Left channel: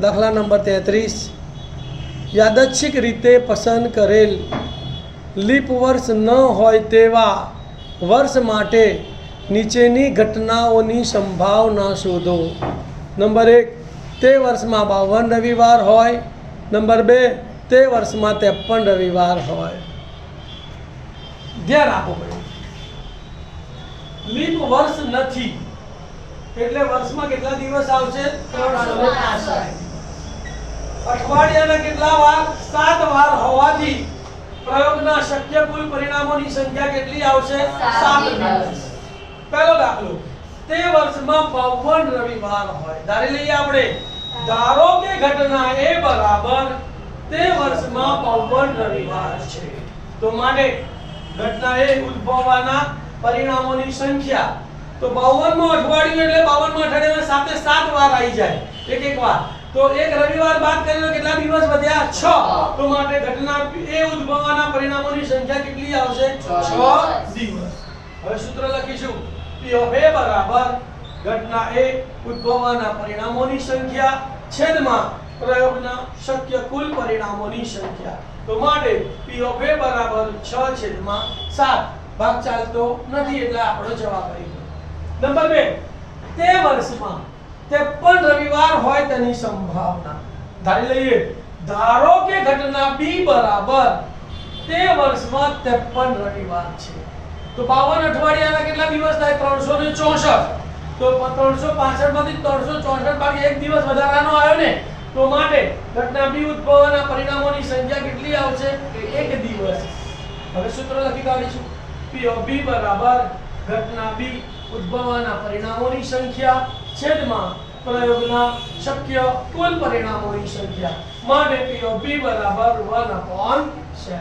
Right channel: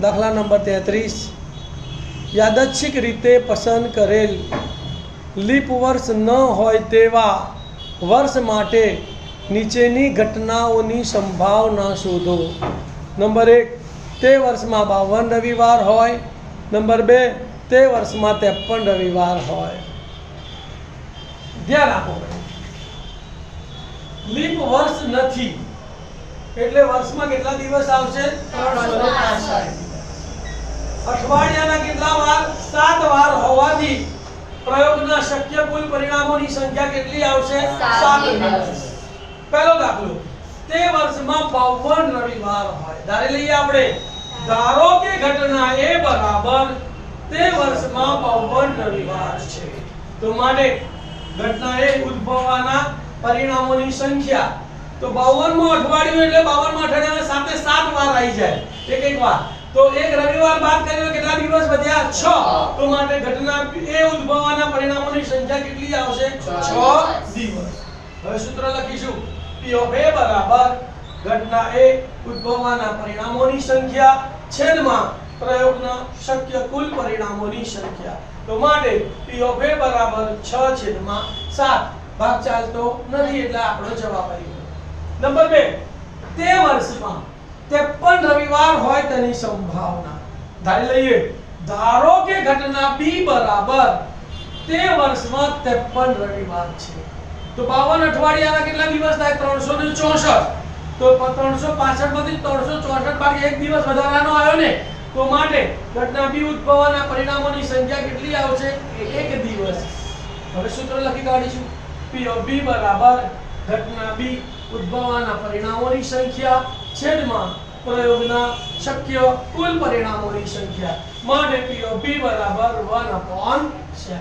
દાખલા નંબર 33, યાદચ્છિક રીતે પસંદ કરેલ લીપ વર્ષ ન હોય તેવા વર્ષ માટે નીચેની ઘટનાઓની સંભાવના શોધો. નંબર 1, તે વર્ષમાં 52 રવિવાર હોય. નંબર 2, તે વર્ષમાં 53 રવિવાર હોય. ધ્યાન આપો, લીપ વર્ષ નથી એટલે વર્ષમાં કેટલા દિવસ આવશે? 365. અઠવાડિયાના કેટલા વાર? 7 વાર હોવાથી પ્રયોગના શક્ય કુલ પરિણામોની સંખ્યા કેટલી આવશે? 7 દિવસ. પહેલો દાખલો, તે વર્ષમાં 52 રવિવાર હોય. ધારી લઈએ આપણે, ધારો કે ઘટના એ બરાબર તે વર્ષમાં 52 રવિવાર છે, તો માટે ઘટના એ ઉદ્ભવવાના પરિણામોની સંખ્યા, તો 52 અઠવાડિયું એટલે 52 અઠવાડિયામાં સાથે 7 વાર આવી જાય, એક વાર. તો એક રવિવાર બાદ કરીને કેટલા દિવસ વધ્યા? 6. તો માટે ઘટના એ ઉદ્ભવવાના પરિણામોની સંખ્યા કેટલી આવશે? 6 દિવસ. હવે સૂત્ર લખીશું, P of A બરાબર ઘટના એ ઉદ્ભવવાના પરિણામોની સંખ્યા છેદમાં પ્રયોગના શક્ય કુલ પરિણામોની સંખ્યા. તો માટે P of A બરાબર 6/7. ભાગ ચાલતો નથી એટલે આપણો જવાબ આવી ગયો. નંબર 2, તે વર્ષમાં 53 રવિવાર હોય તેની સંભાવના. ધારી લઈએ, ધારો કે ઘટના B બરાબર તે વર્ષમાં 53 રવિવાર છે, તો 52 અઠવાડિયાના કેટલા દિવસ થાય? 364. તો 365 માંથી 364 બાદ એક દિવસ વધારાનો આવ્યો ને, તો માટે ઘટના B ઉદ્ભવવાના પરિણામોની સંખ્યા કેટલી આવશે? 1 દિવસ. હવે સૂત્ર લખી કાઢીશું, P of B બરાબર ઘટના B ઉદ્ભવવાના પરિણામોની સંખ્યા છેદમાં પ્રયોગના શક્ય કુલ પરિણામોની સંખ્યા. માટે P of B બરાબર 1/7.